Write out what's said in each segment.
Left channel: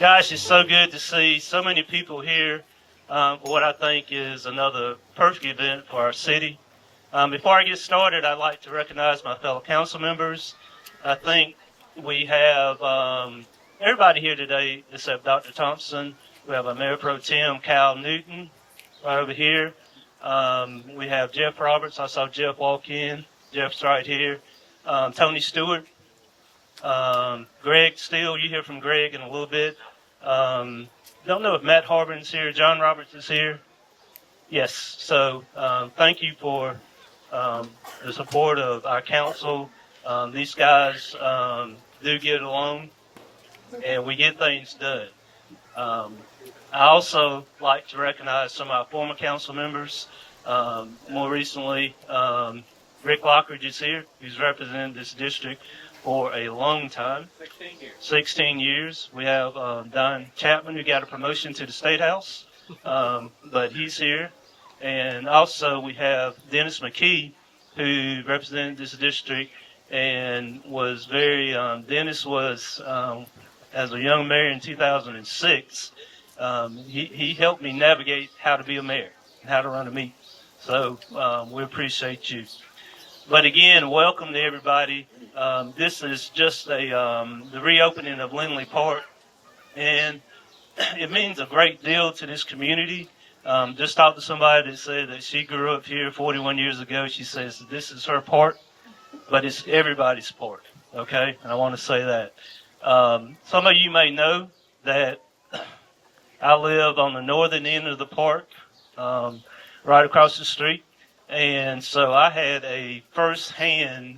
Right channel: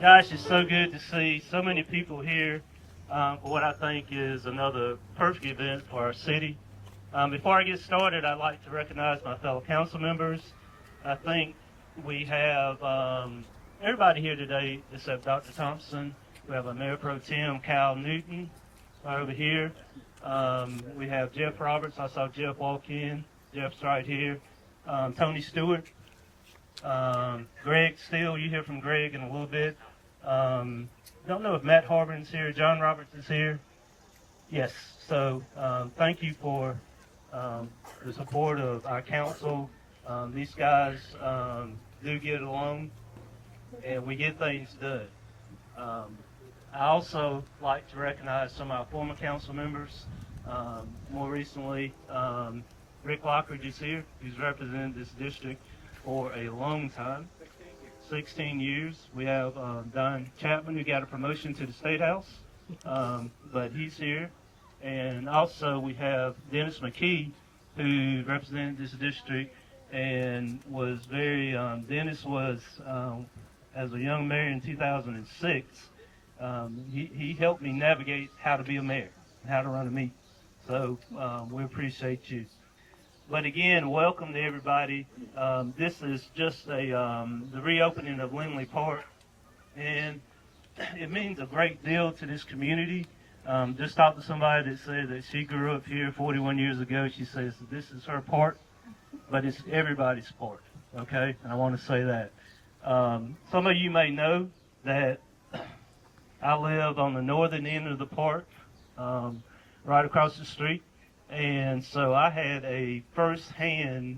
Gosh, it's so good to see so many people here for what I think is another perfect event for our city. Before I get started, I'd like to recognize my fellow council members. I think we have everybody here today except Dr. Thompson. We have our Mayor Pro Tem, Cal Newton, right over here. We have Jeff Roberts. I saw Jeff walk in. Jeff's right here. Tony Stewart. Greg Steele, you hear from Greg in a little bit. Don't know if Matt Harbin's here. John Roberts is here. Yes. So thank you for the support of our council. These guys do get along, and we get things done. I also like to recognize some of our former council members. More recently, Rick Lockridge is here, who's represented this district for a long time. 16 years. We have Don Chapman, who got a promotion to the State House, but he's here. And also we have Dennis McKee, who represented this district and was very, Dennis was, as a young mayor in 2006, he helped me navigate how to be a mayor, how to run a meeting. So we appreciate you. But again, welcome to everybody. This is just the reopening of Linley Park, and it means a great deal to this community. Just talked to somebody that said that she grew up here 41 years ago. She says this is her park, but it's everybody's park, okay? And I want to say that. Some of you may know that I live on the northern end of the park, right across the street, and so I had a first-hand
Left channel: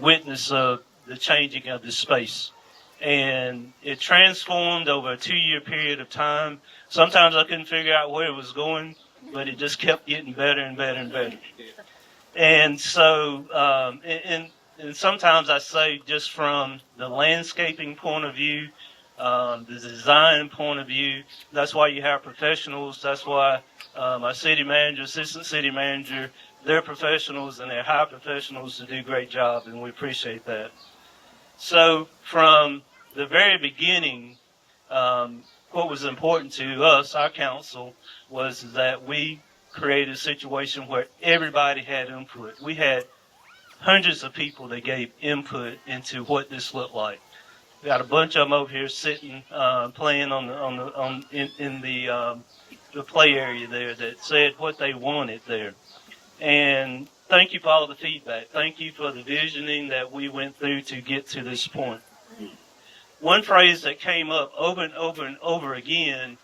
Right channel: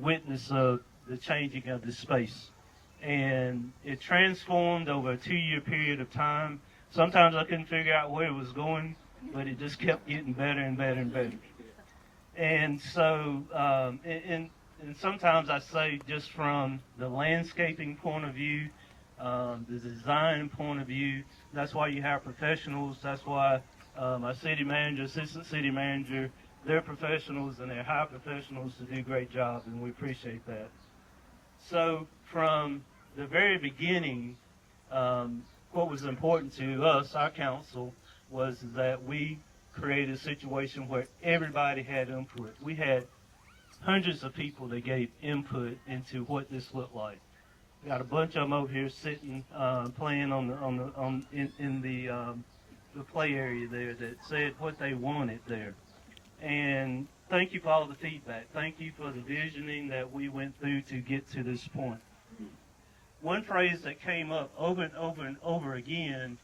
witness of the changing of the space. And it transformed over a 2-year period of time. Sometimes I couldn't figure out where it was going, but it just kept getting better and better and better. And so, and sometimes I say just from the landscaping point of view, the design point of view, that's why you have professionals. That's why my city manager, assistant city manager, they're professionals and they're high professionals to do a great job, and we appreciate that. So from the very beginning, what was important to us, our council, was that we created a situation where everybody had input. We had hundreds of people that gave input into what this looked like. We got a bunch of them over here sitting, playing in the play area there that said what they wanted there. And thank you for all the feedback. Thank you for the visioning that we went through to get to this point. One phrase that came up over and over and over again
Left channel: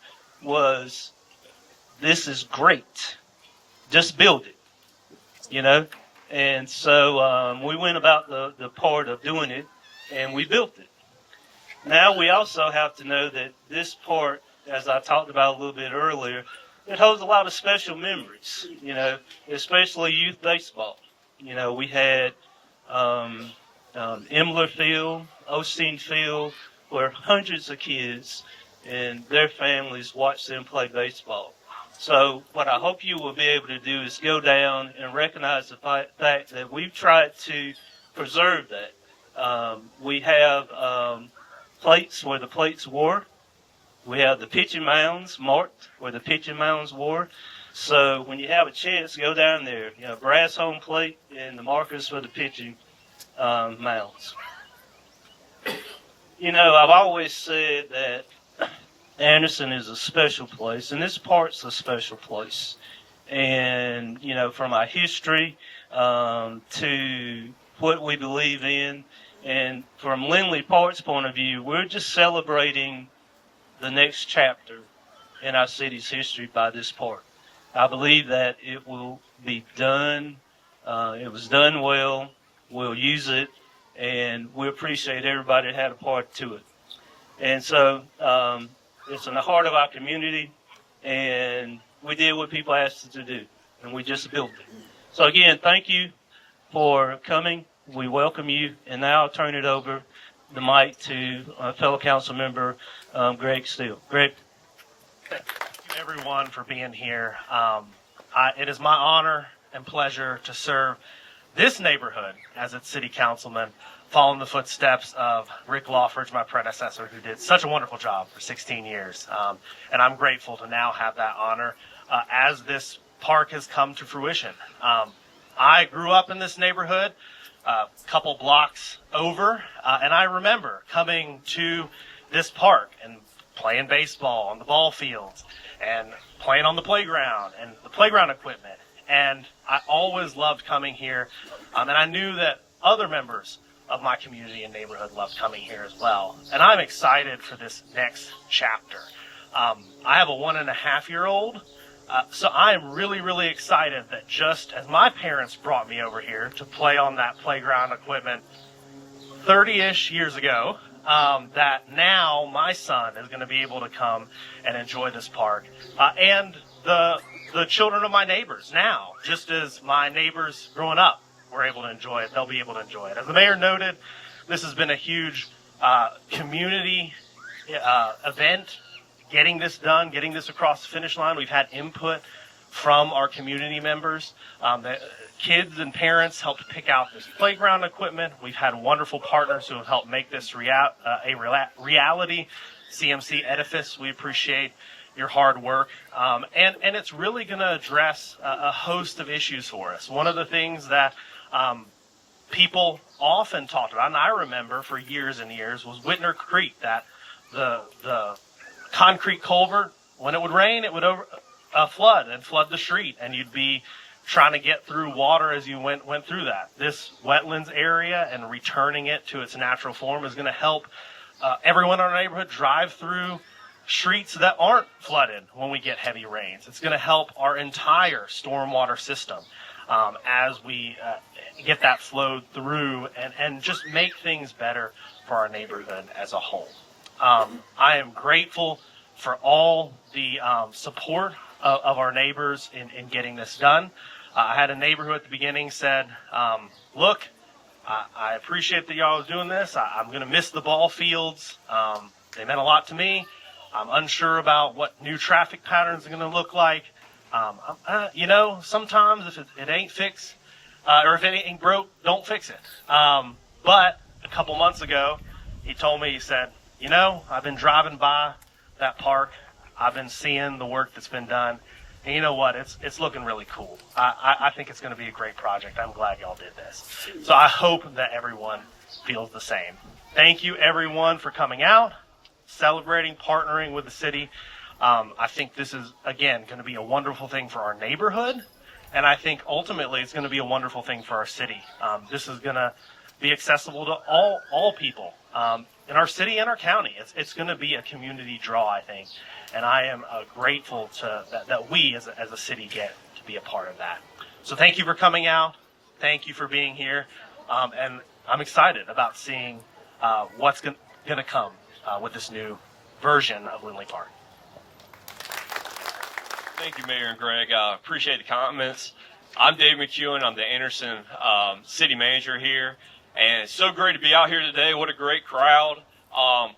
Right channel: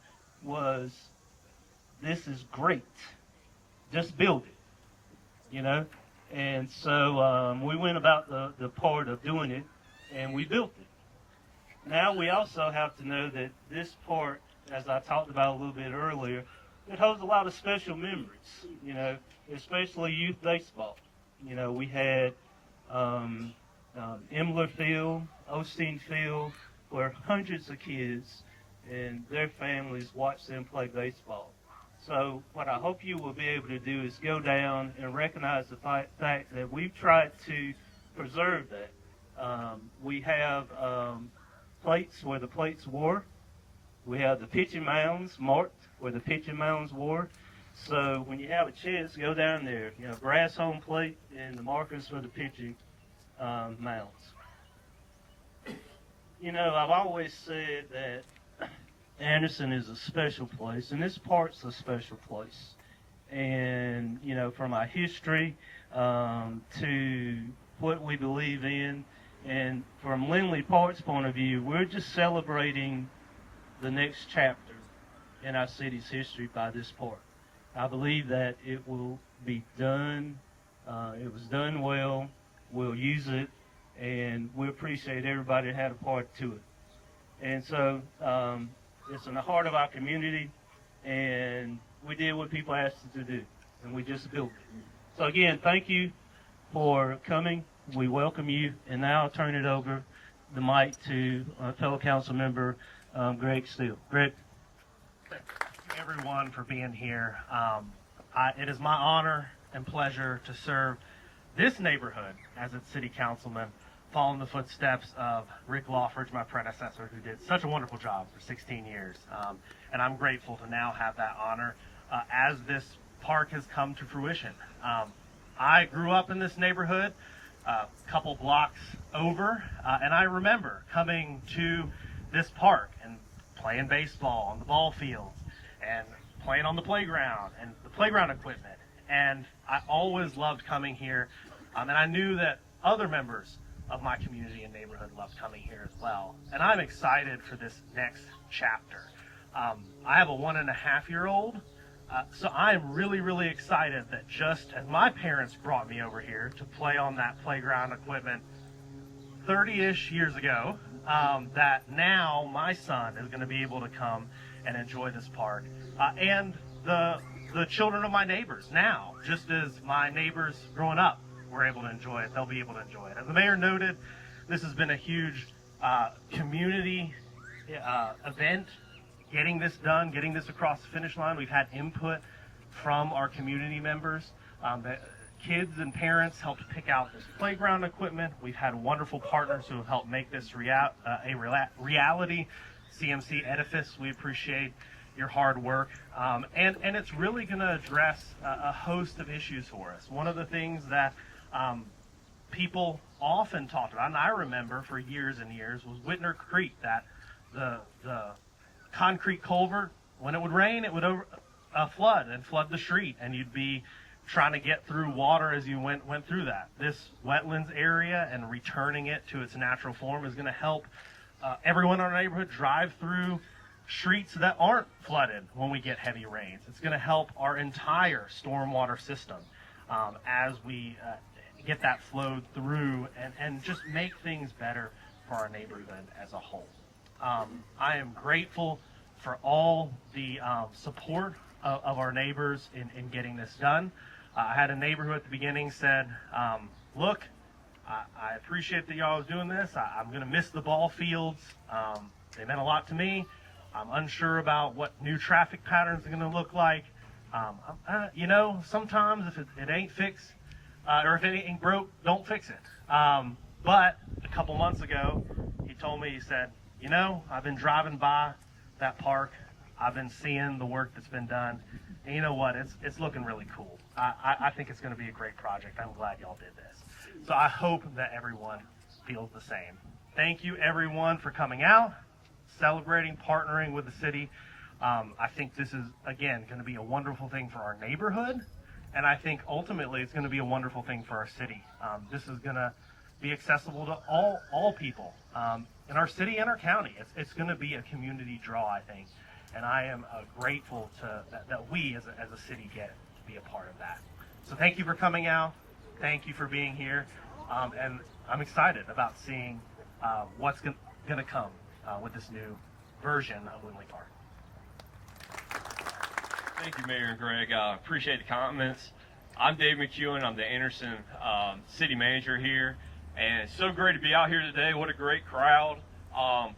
was, "This is great. Just build it," you know? And so we went about the part of doing it, and we built it. Now we also have to know that this part, as I talked about a little bit earlier, it holds a lot of special memories, you know, especially youth baseball. You know, we had Imler Field, Osteen Field, where hundreds of kids and their families watched them play baseball. So what I hope you will be able to do is go down and recognize the fact that we've tried to preserve that. We have plates where the plates were. We have the pitching mounds marked where the pitching mounds were. So when you have a chance, go down there. You know, brass home plate and the markers for the pitching mounds. You know, I've always said that Anderson is a special place, and this park's a special place. And, you know, from our history to what we believe in, and from Linley Park's point of view, we're just celebrating the next chapter in our city's history by this park. I believe that it will be done. It was done well. We'll use it, and we appreciate everybody that had a part to it. And so it's in the heart of our community, and we did what people asked us to do, and we just built it. So again, thank you for coming. We welcome you, and now I'll turn it over the mic to fellow council member Greg Steele. Greg. Thank you, everyone, for being here. It is my honor and pleasure to serve this neighborhood as its city councilman. following the footsteps of Rick Lawford, my predecessor, who did such a wonderful job for 16 years. And I'm grateful to now have that honor as this park has come to fruition. I grew up in this neighborhood a couple blocks over, and I remember coming to this park and playing baseball on the ball fields and playing on the playground and the playground equipment. And I always loved coming here, and I knew that other members of my community and neighborhood loved coming here as well. And I'm excited for this next chapter. I have a 1.5-year-old, so I'm really, really excited that just as my parents brought me over here to play on that playground equipment 30-ish years ago, that now my son is going to be able to come and enjoy this park. And the children of my neighbors now, just as my neighbors growing up were able to enjoy it, they'll be able to enjoy it. As the mayor noted, this has been a huge community event, getting this done, getting this across the finish line. We've had input from our community members. The kids and parents helped pick out this playground equipment. We've had wonderful partners who have helped make this reality. CMC Edifice, we appreciate your hard work. And it's really going to address a host of issues for us. One of the things that people often talked about, and I remember for years and years, was Whitner Creek, that the concrete culvert, when it would rain, it would flood the street, and you'd be trying to get through water as you went through that. This wetlands area and returning it to its natural form is going to help everyone in our neighborhood drive through streets that aren't flooded when we get heavy rains. It's going to help our entire stormwater system as we get that flowed through and just make things better for our neighborhood as a whole. I am grateful for all the support of our neighbors in getting this done. I had a neighbor who at the beginning said, look, I appreciate that y'all was doing this. I'm going to miss the ball fields. They meant a lot to me. I'm unsure about what new traffic patterns are going to look like. Sometimes if it ain't fixed, or if it ain't broke, don't fix it. But a couple months ago, he told me, he said, I've been driving by that park. I've been seeing the work that's been done. And you know what? It's looking really cool. I think it's going to be a great project. I'm glad y'all did this. So I hope that everyone feels the same. Thank you, everyone, for coming out, celebrating, partnering with the city. I think this is, again, going to be a wonderful thing for our neighborhood. And I think ultimately it's going to be a wonderful thing for our city. This is going to be accessible to all people in our city and our county. It's going to be a community draw, I think. And I am grateful that we as a city get to be a part of that. So thank you for coming out. Thank you for being here. And I'm excited about seeing what's going to come with this new version of Linley Park. Thank you, Mayor and Greg. I appreciate the comments. I'm Dave McEwen. I'm the Anderson city manager here. And it's so great to be out here today. What a great crowd.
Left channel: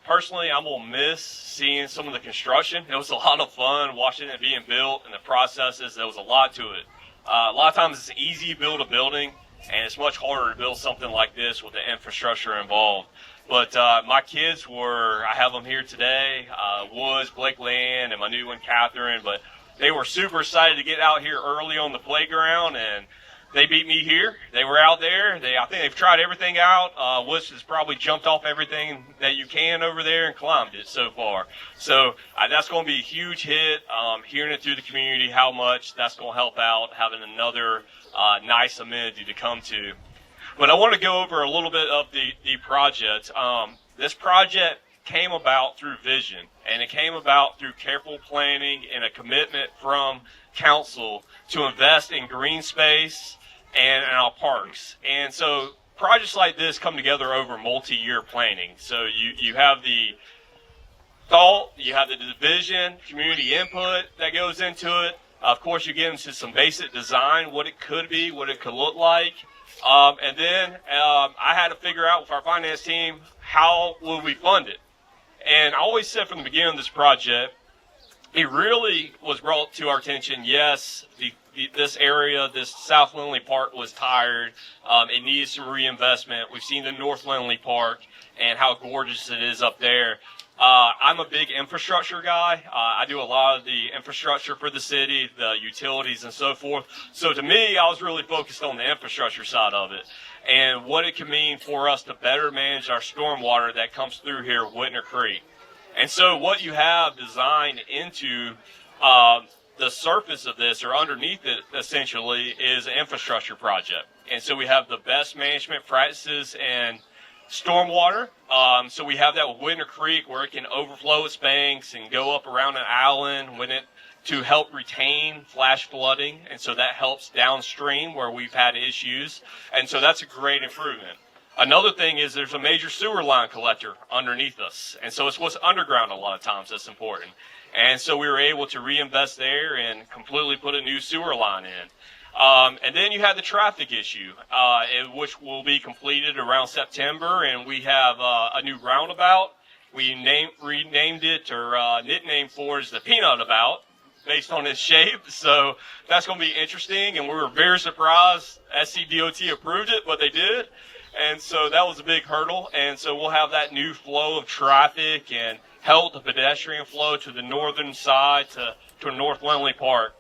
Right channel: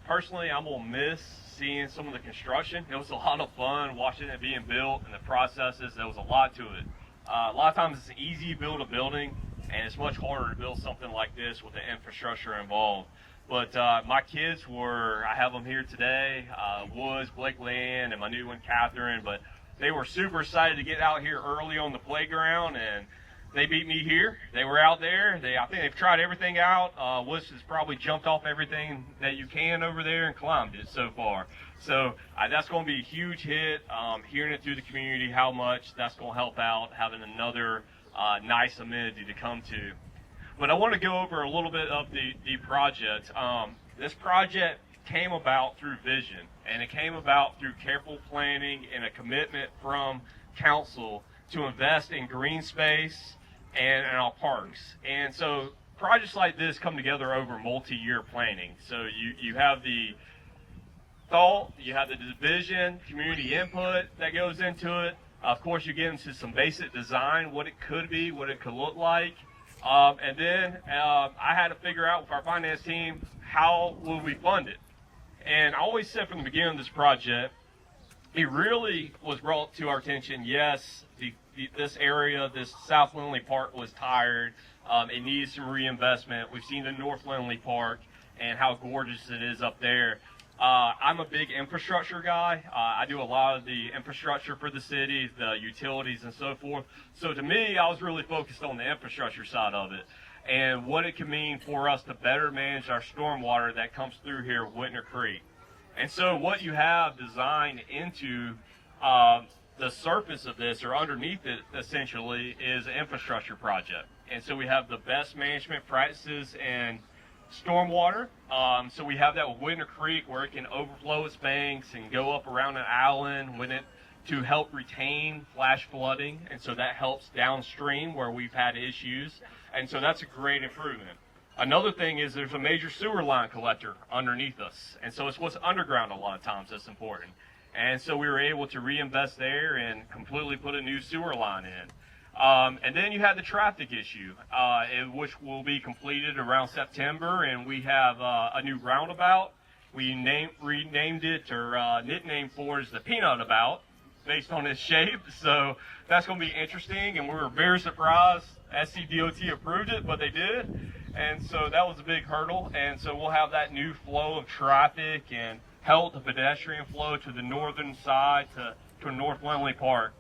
Personally, I'm going to miss seeing some of the construction. It was a lot of fun watching it being built and the processes. There was a lot to it. A lot of times it's easy to build a building, and it's much harder to build something like this with the infrastructure involved. But my kids I have them here today, Woods, Blake Land, and my new one, Catherine. But they were super excited to get out here early on the playground, and they beat me here. They were out there. I think they've tried everything out. Woods has probably jumped off everything that you can over there and climbed it so far. So that's going to be a huge hit. Hearing it through the community, how much that's going to help out, having another nice amenity to come to. But I want to go over a little bit of the project. This project came about through vision, and it came about through careful planning and a commitment from council to invest in green space and in our parks. And so projects like this come together over multi-year planning. So you have the thought, you have the vision, community input that goes into it. Of course, you get into some basic design, what it could be, what it could look like. And then I had to figure out with our finance team, how will we fund it? And I always said from the beginning of this project, it really was brought to our attention, yes, the this area, this South Linley Park was tired. It needed some reinvestment. We've seen the North Linley Park and how gorgeous it is up there. I'm a big infrastructure guy. I do a lot of the infrastructure for the city, the utilities and so forth. So to me, I was really focused on the infrastructure side of it and what it can mean for us to better manage our stormwater that comes through here at Whitner Creek. And so what you have designed into the surface of this, or underneath it essentially, is an infrastructure project. And so we have the best management practices and stormwater. So we have that with Whitner Creek, where it can overflow its banks and go up around an island to help retain flash flooding, and so that helps downstream where we've had issues, and so that's a great improvement. Another thing is there's a major sewer line collector underneath us, and so it's what's underground a lot of times that's important. And so we were able to reinvest there and completely put a new sewer line in. And then you had the traffic issue, which will be completed around September, and we have a new roundabout. We renamed it, or nicknamed for it, as the Peanut About, based on its shape. So that's going to be interesting, and we were very surprised SCDOT approved it, but they did. And so that was a big hurdle, and so we'll have that new flow of traffic and help the pedestrian flow to the northern side to North Linley Park.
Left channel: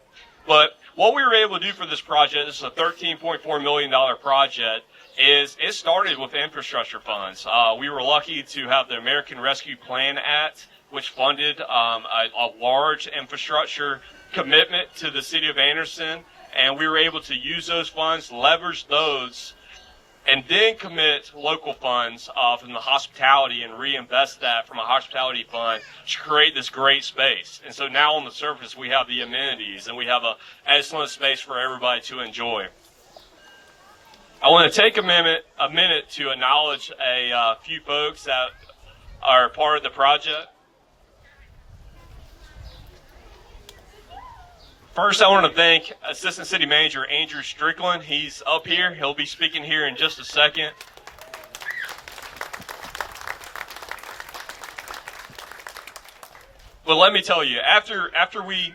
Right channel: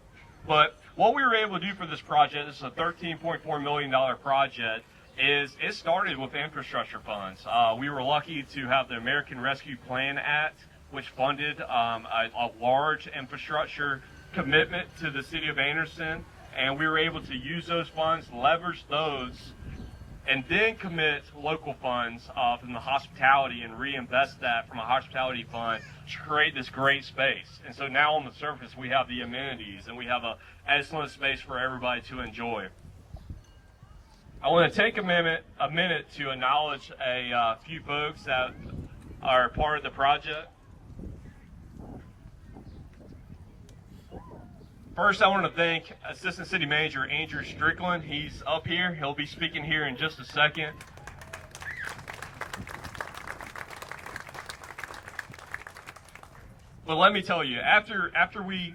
But what we were able to do for this project, this is a $13.4 million project, is it started with infrastructure funds. We were lucky to have the American Rescue Plan Act, which funded a large infrastructure commitment to the city of Anderson, and we were able to use those funds, leverage those, and then commit local funds from the hospitality and reinvest that from a hospitality fund to create this great space. And so now on the surface we have the amenities and we have an excellent space for everybody to enjoy. I want to take a minute to acknowledge a few folks that are part of the project. First, I want to thank Assistant City Manager Andrew Strickland. He's up here. He'll be speaking here in just a second. But let me tell you, after we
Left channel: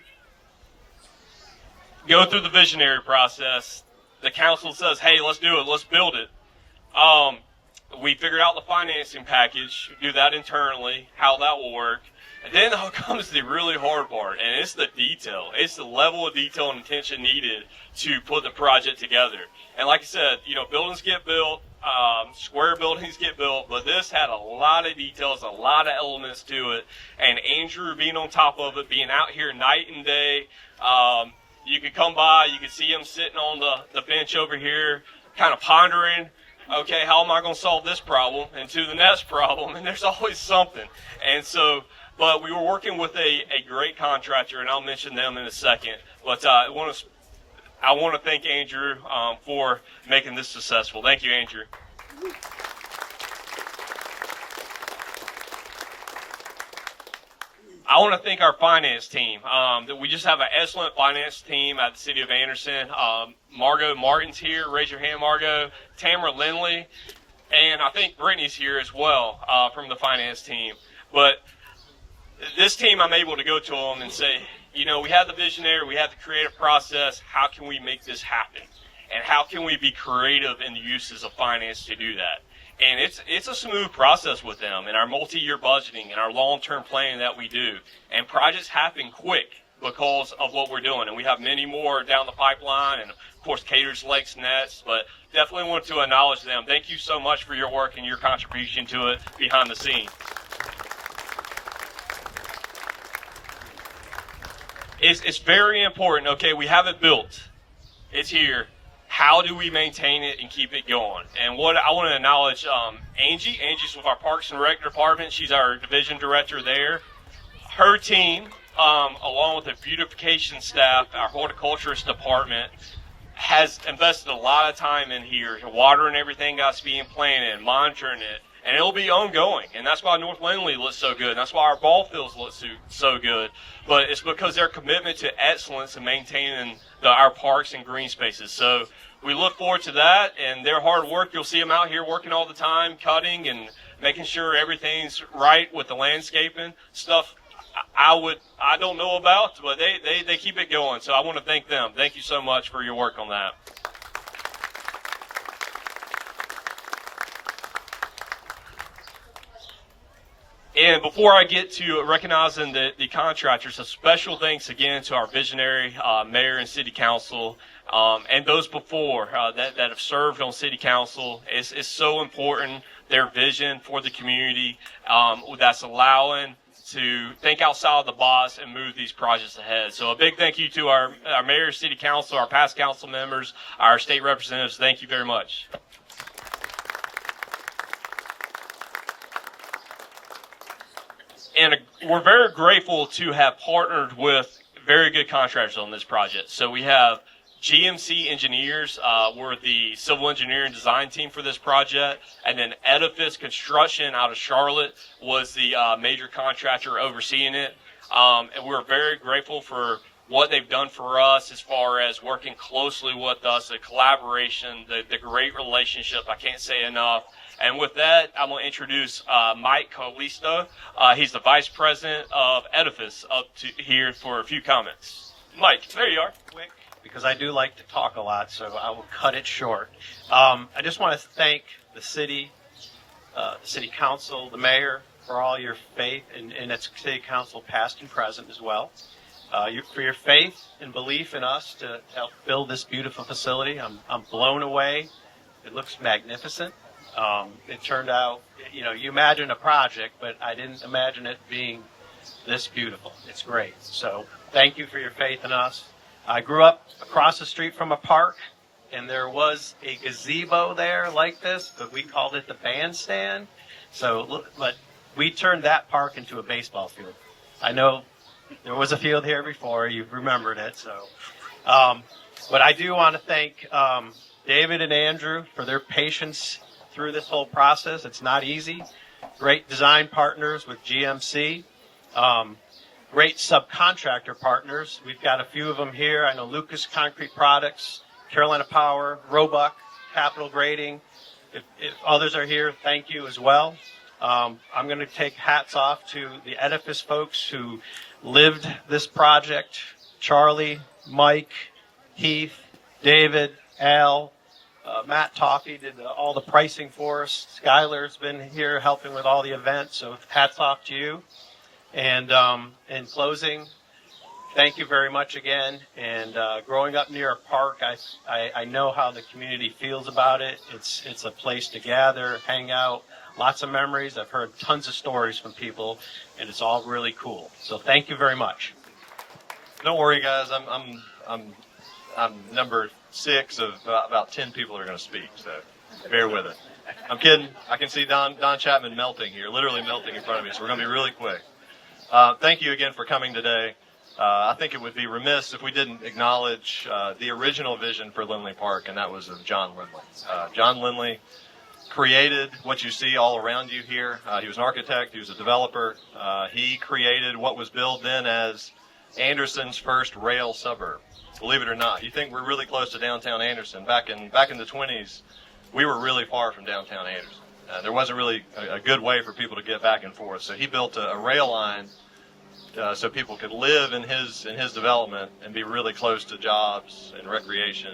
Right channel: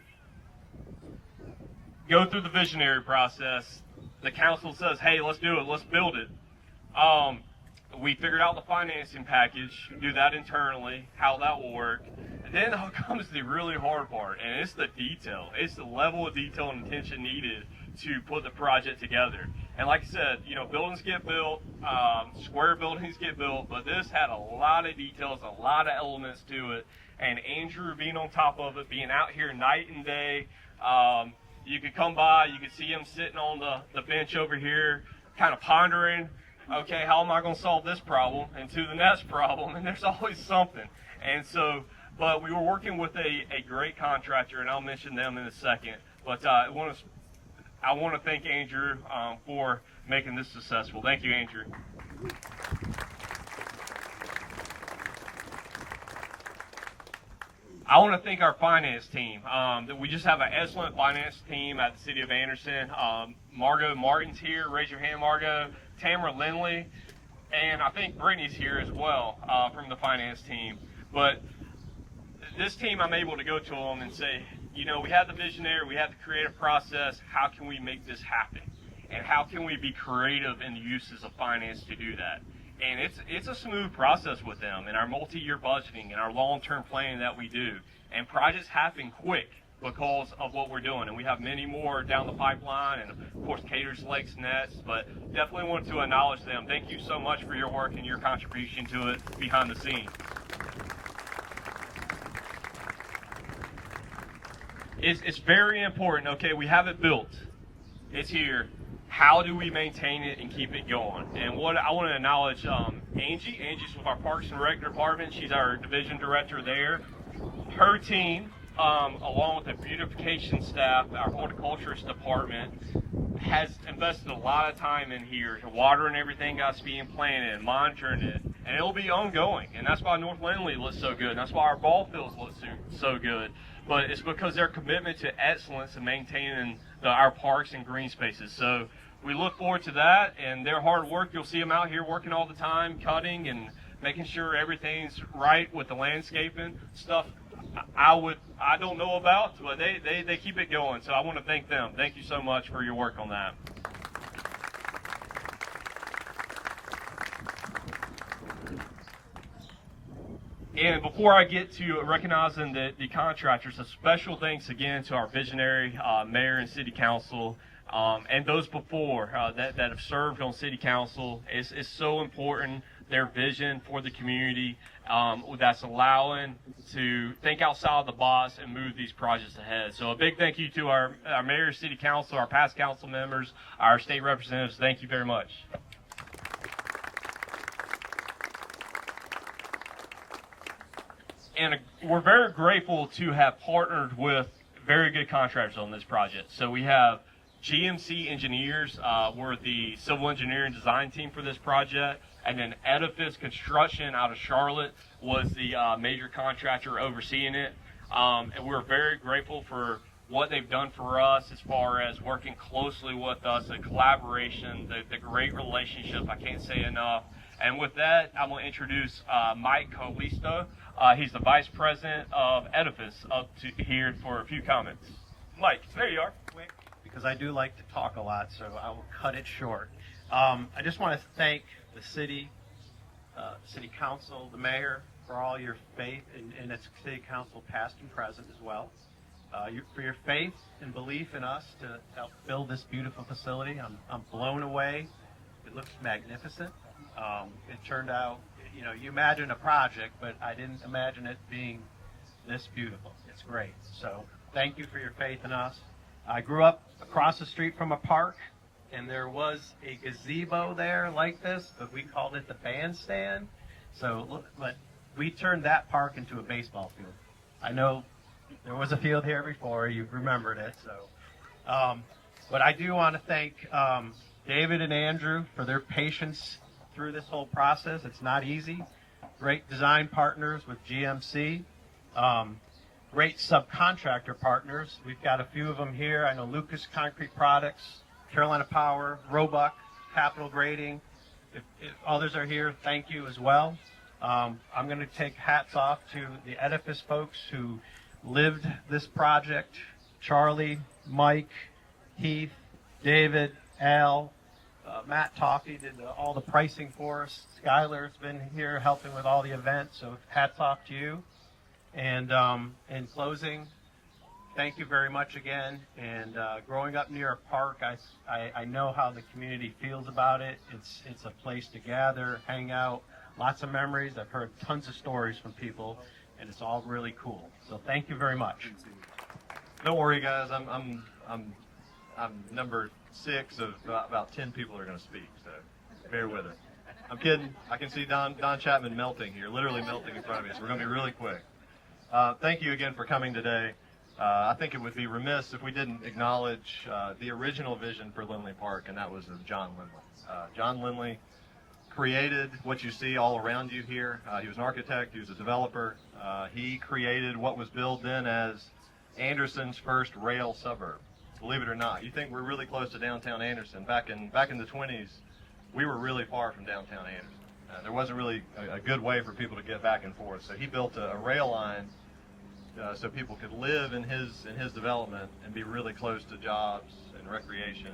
go through the visionary process, the council says, hey, let's do it, let's build it. We figured out the financing package, do that internally, how that will work. And then comes the really hard part, and it's the detail. It's the level of detail and attention needed to put the project together. And like I said, buildings get built, square buildings get built, but this had a lot of details, a lot of elements to it. And Andrew being on top of it, being out here night and day, you could come by, you could see him sitting on the bench over here, kind of pondering, okay, how am I going to solve this problem and to the next problem? And there's always something. And so, but we were working with a great contractor, and I'll mention them in a second. But I want to thank Andrew for making this successful. Thank you, Andrew. I want to thank our finance team. We just have an excellent finance team at the City of Anderson. Margot Martin's here. Raise your hand, Margot. Tamara Linley. And I think Brittany's here as well from the finance team. But this team, I'm able to go to them and say, we have the visionary, we have the creative process. How can we make this happen? And how can we be creative in the uses of finance to do that? And it's a smooth process with them in our multi-year budgeting and our long-term planning that we do. And projects happen quick because of what we're doing. And we have many more down the pipeline, and of course Caters Lakes next, but definitely want to acknowledge them. Thank you so much for your work and your contribution to it behind the scenes. It's very important. Okay, we have it built. It's here. How do we maintain it and keep it going? And what I want to acknowledge, Angie. Angie's with our Parks and Rec department. She's our division director there. Her team, along with the beautification staff, our horticulturist department, has invested a lot of time in here, watering everything that's being planted, monitoring it, and it'll be ongoing. And that's why North Linley looks so good. That's why our ball fields look so good. But it's because their commitment to excellence and maintaining our parks and green spaces. So we look forward to that, and their hard work. You'll see them out here working all the time, cutting and making sure everything's right with the landscaping. Stuff I don't know about, but they keep it going. So I want to thank them. Thank you so much for your work on that. And before I get to recognizing the contractors, a special thanks again to our visionary mayor and city council and those before that have served on city council. It's so important, their vision for the community that's allowing to think outside of the box and move these projects ahead. So a big thank you to our mayor, city council, our past council members, our state representatives. Thank you very much. And we're very grateful to have partnered with very good contractors on this project. So we have GMC Engineers, we're the civil engineering design team for this project, and then Edifice Construction out of Charlotte was the major contractor overseeing it. And we're very grateful for what they've done for us as far as working closely with us, the collaboration, the great relationship. I can't say enough. And with that, I'm going to introduce Mike Colisto. He's the Vice President of Edifice up to here for a few comments. Mike, there you are. Quick, because I do like to talk a lot, so I will cut it short. I just want to thank the city council, the mayor, for all your faith, and its city council past and present as well. For your faith and belief in us to help build this beautiful facility. I'm blown away. It looks magnificent. It turned out, you imagine a project, but I didn't imagine it being this beautiful. It's great. So thank you for your faith in us. I grew up across the street from a park, and there was a gazebo there like this, but we called it the bandstand. But we turned that park into a baseball field. I know there was a field here before. You've remembered it. But I do want to thank David and Andrew for their patience through this whole process. It's not easy. Great design partners with GMC. Great subcontractor partners. We've got a few of them here. I know Lucas Concrete Products, Carolina Power, Roebuck, Capital Grading. If others are here, thank you as well. I'm going to take hats off to the Edifice folks who lived this project. Charlie, Mike, Heath, David, Al, Matt Toffee did all the pricing for us. Skylar's been here helping with all the events, so hats off to you. And in closing, thank you very much again. And growing up near a park, I know how the community feels about it. It's a place to gather, hang out, lots of memories. I've heard tons of stories from people, and it's all really cool. So thank you very much. Don't worry, guys. I'm number 6 of about 10 people that are going to speak, so bear with it. I'm kidding. I can see Don Chapman melting here, literally melting in front of me, so we're going to be really quick. Thank you again for coming today. I think it would be remiss if we didn't acknowledge the original vision for Linley Park, and that was of John Linley. John Linley created what you see all around you here. He was an architect. He was a developer. He created what was billed then as Anderson's first rail suburb. Believe it or not, you think we're really close to downtown Anderson. Back in the 20s, we were really far from downtown Anderson. There wasn't really a good way for people to get back and forth. So he built a rail line so people could live in his development and be really close to jobs and recreation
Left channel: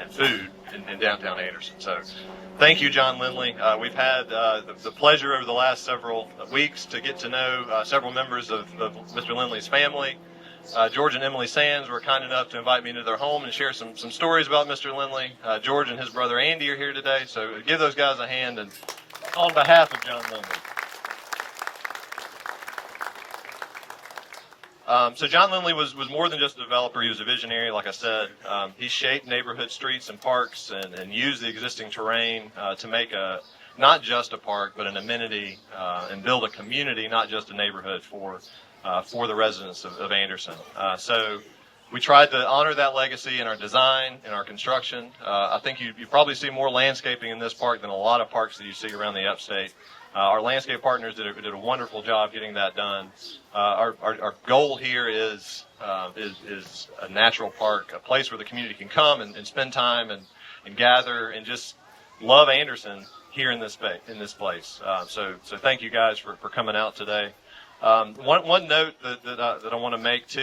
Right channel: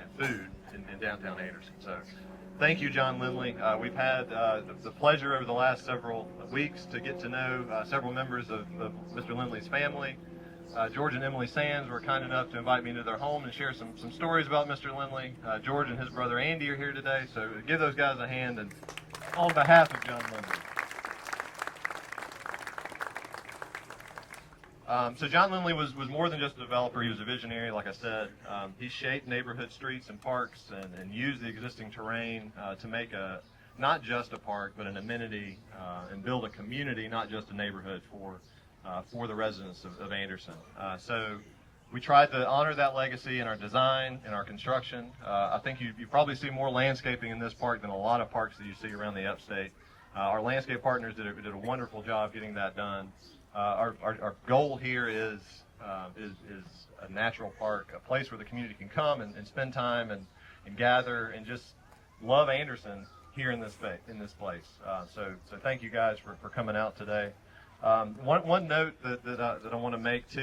and food in downtown Anderson. So thank you, John Linley. We've had the pleasure over the last several weeks to get to know several members of Mr. Linley's family. George and Emily Sands were kind enough to invite me into their home and share some stories about Mr. Linley. George and his brother Andy are here today, so give those guys a hand. And on behalf of John Linley. So John Linley was more than just a developer. He was a visionary, like I said. He shaped neighborhood streets and parks and used the existing terrain to make not just a park, but an amenity and build a community, not just a neighborhood for the residents of Anderson. So we tried to honor that legacy in our design, in our construction. I think you probably see more landscaping in this park than a lot of parks that you see around the upstate. Our landscape partners did a wonderful job getting that done. Our goal here is a natural park, a place where the community can come and spend time and gather and just love Anderson here in this place. So thank you guys for coming out today. One note that I want to make too,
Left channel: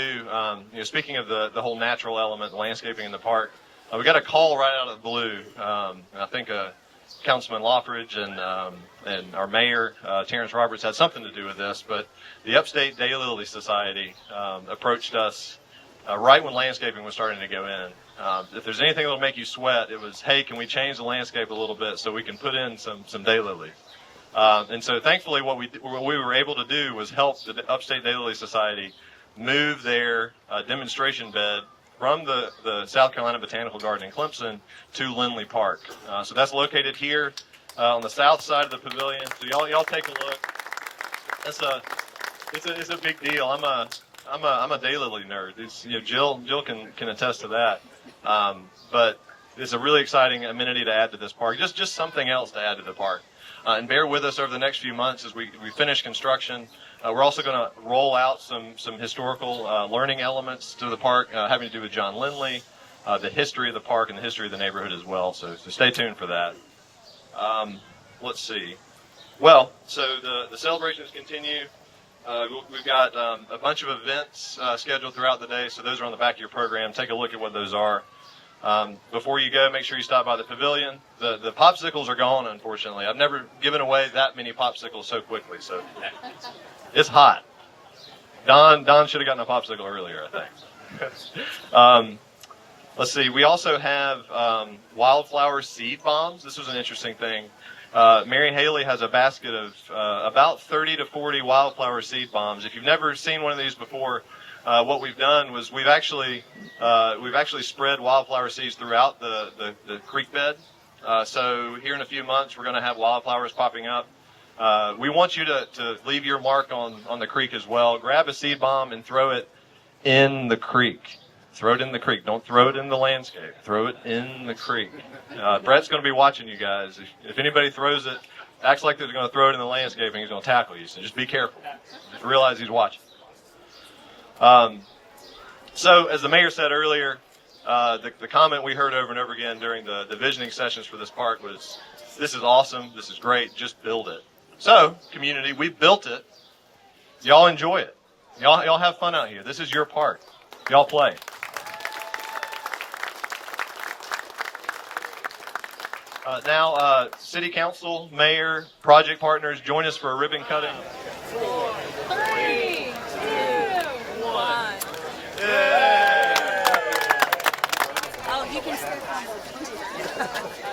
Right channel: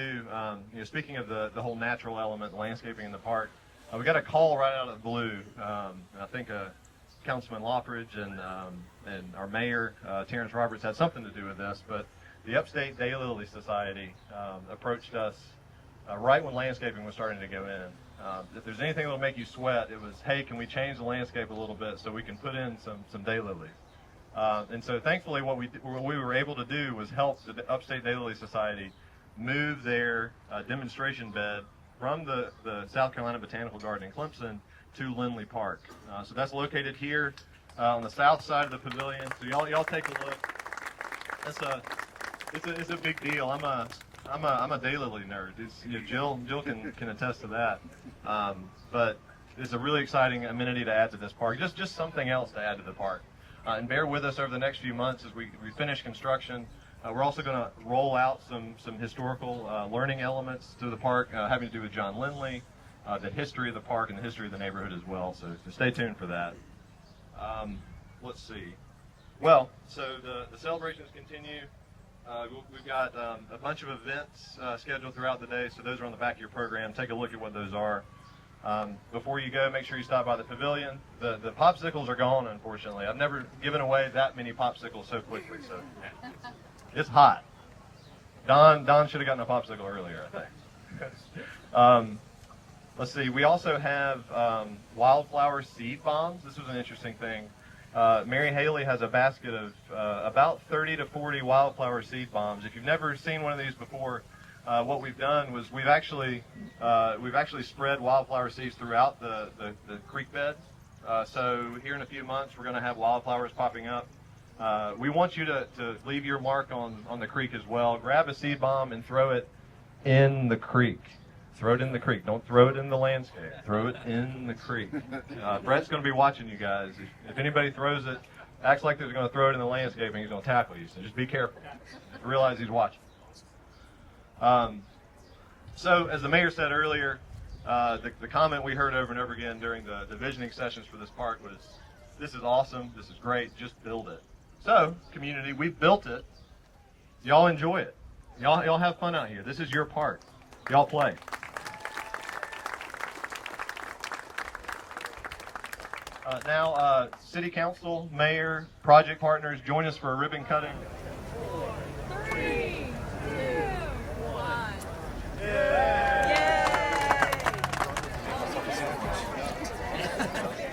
speaking of the whole natural element, landscaping in the park, we got a call right out of the blue. And I think Councilman Loffridge and our mayor, Terrence Roberts, had something to do with this, but the Upstate Daylily Society approached us right when landscaping was starting to go in. If there's anything that will make you sweat, it was, hey, can we change the landscape a little bit so we can put in some daylilies? And so thankfully what we were able to do was help the Upstate Daylily Society move their demonstration bed from the South Carolina Botanical Garden in Clemson to Linley Park. So that's located here on the south side of the pavilion. So y'all take a look. It's a big deal. I'm a daylily nerd. Jill can attest to that. But it's a really exciting amenity to add to this park. Just something else to add to the park. And bear with us over the next few months as we finish construction. We're also going to roll out some historical learning elements to the park having to do with John Linley, the history of the park, and the history of the neighborhood as well. So stay tuned for that. Let's see. Well, so the celebrations continue. We've got a bunch of events scheduled throughout the day, so those are on the back of your program. Take a look at what those are. Before you go, make sure you stop by the pavilion. The popsicles are gone, unfortunately. I've never given away that many popsicles so quickly, so it's hot. Don should have gotten a popsicle earlier, I think. Let's see. We also have wildflower seed bombs. This was an interesting thing. Mary Haley has a basket of about 30 to 40 wildflower seed bombs. If you've never seen one of these before, what we've done was we've actually spread wildflower seeds throughout the creek bed. So here in a few months, we're going to have wildflowers popping up. We want you to leave your mark on the creek as well. Grab a seed bomb and throw it in the creek. Throw it in the creek. Don't throw it in the landscape. Throw it in the creek. Brett's going to be watching you guys. If anybody throws it, acts like they're going to throw it in the landscaping, he's going to tackle you. So just be careful. Just realize he's watching. So as the mayor said earlier, the comment we heard over and over again during the visioning sessions for this park was, this is awesome, this is great, just build it. So, community, we built it. Y'all enjoy it. Y'all have fun out here. This is your park. Y'all play. Now, City Council, Mayor, project partners, join us for a ribbon cutting. 4, 3, 2, 1.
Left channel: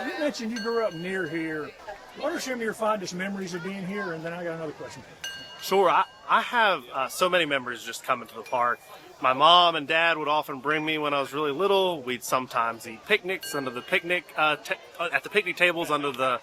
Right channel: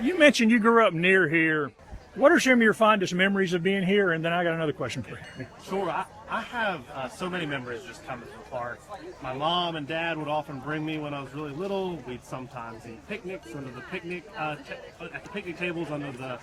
You mentioned you grew up near here. What are some of your fondest memories of being here? And then I got another question for you. Sure. I have so many memories just coming to the park. My mom and dad would often bring me when I was really little. We'd sometimes eat picnics under the picnic at the picnic tables under the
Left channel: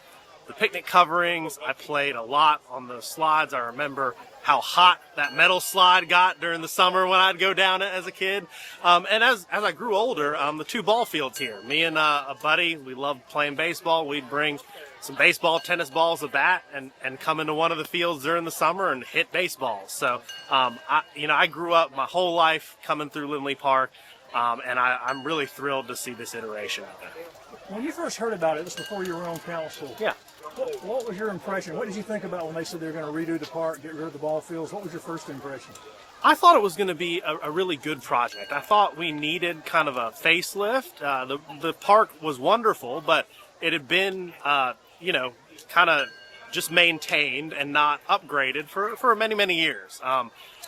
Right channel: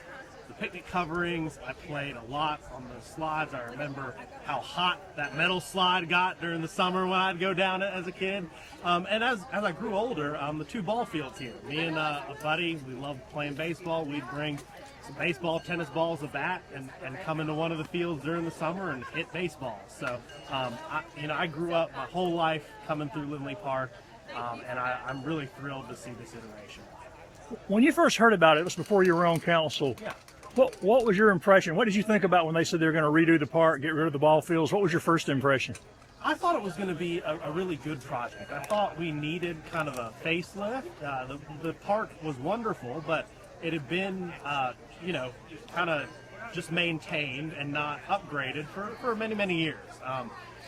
picnic coverings. I played a lot on the slides. I remember how hot that metal slide got during the summer when I'd go down it as a kid. And as I grew older, the 2 ball fields here. Me and a buddy, we loved playing baseball. We'd bring some baseball, tennis balls, a bat, and come into one of the fields during the summer and hit baseballs. So, I grew up my whole life coming through Linley Park, and I'm really thrilled to see this iteration of it. When you first heard about it was before you were on council. Yeah. What was your impression? What did you think about when they said they were going to redo the park, get rid of the ball fields? What was your first impression? I thought it was going to be a really good project. I thought we needed kind of a facelift. The park was wonderful, but it had been, kind of just maintained and not upgraded for many, many years.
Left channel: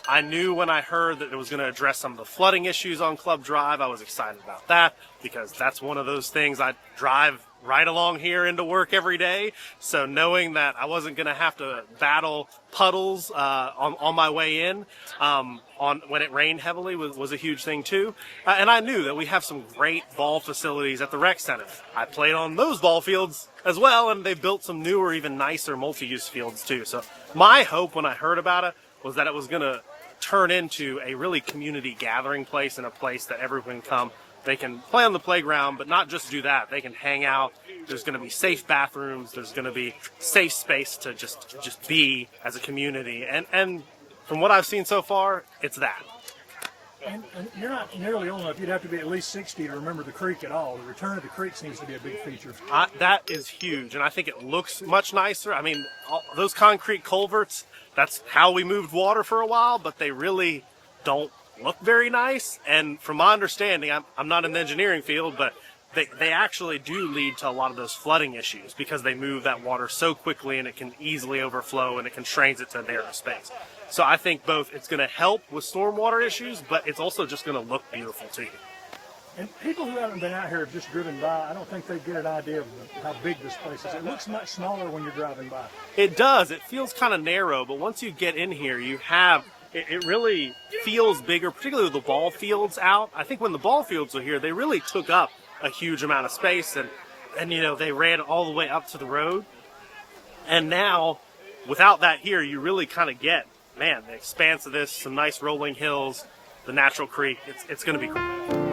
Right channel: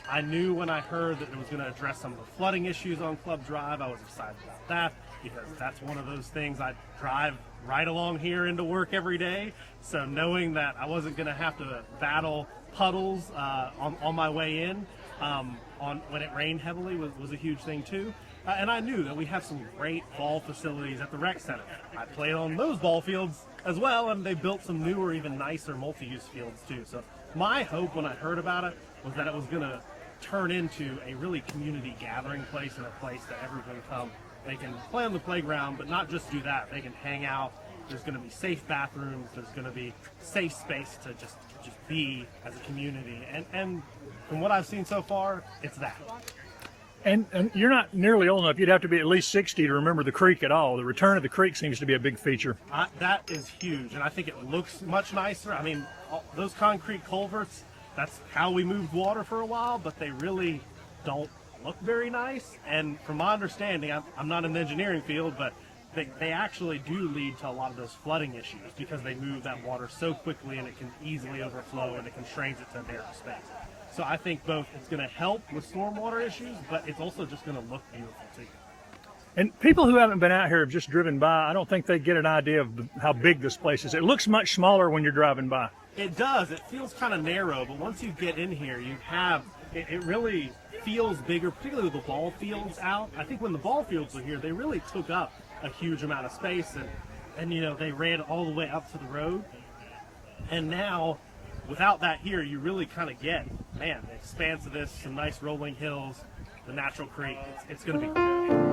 I knew when I heard that it was going to address some of the flooding issues on Club Drive, I was excited about that because that's one of those things I drive right along here into work every day. So knowing that I wasn't going to have to battle puddles on my way in when it rained heavily was a huge thing too. And I knew that we have some great ball facilities at the rec center. I played on those ball fields as well, and they built some newer, even nicer multi-use fields too. So my hope when I heard about it was that it was going to turn into a really community gathering place and a place that everyone can come. They can play on the playground, but not just do that. They can hang out. There's going to be safe bathrooms. There's going to be safe space to just be as a community. And from what I've seen so far, it's that. And you're not nearly old enough. You'd have to be at least 60 to remember the creek at all. The return of the creek seems to be a big feature. That is huge, and I think it looks much nicer. I mean, those concrete culverts that's how we moved water for a while, but they really don't look very nice. And from my understanding, I'm not in the engineering field, but they actually do lead to a lot of those flooding issues because they move that water so quickly and it can easily overflow and it constrains it to a narrow space. So I think both it's going to help with stormwater issues, but it's also just going to look beautiful to you. And people who haven't been out here have just driven by. I don't think they get an idea of how big this place is. It looks much smaller when you're driving by. It does. It feels kind of narrow, but once you get in here, you have it really feels bigger, particularly with the ball fields out. I think when the ball fields were here, they really took up a huge amount of space, and you know, they ran all the way up to the road. And now, without that here, you really kind of get, man, the expanse of this, some nice rolling hills, the natural creek. It's going to be cool.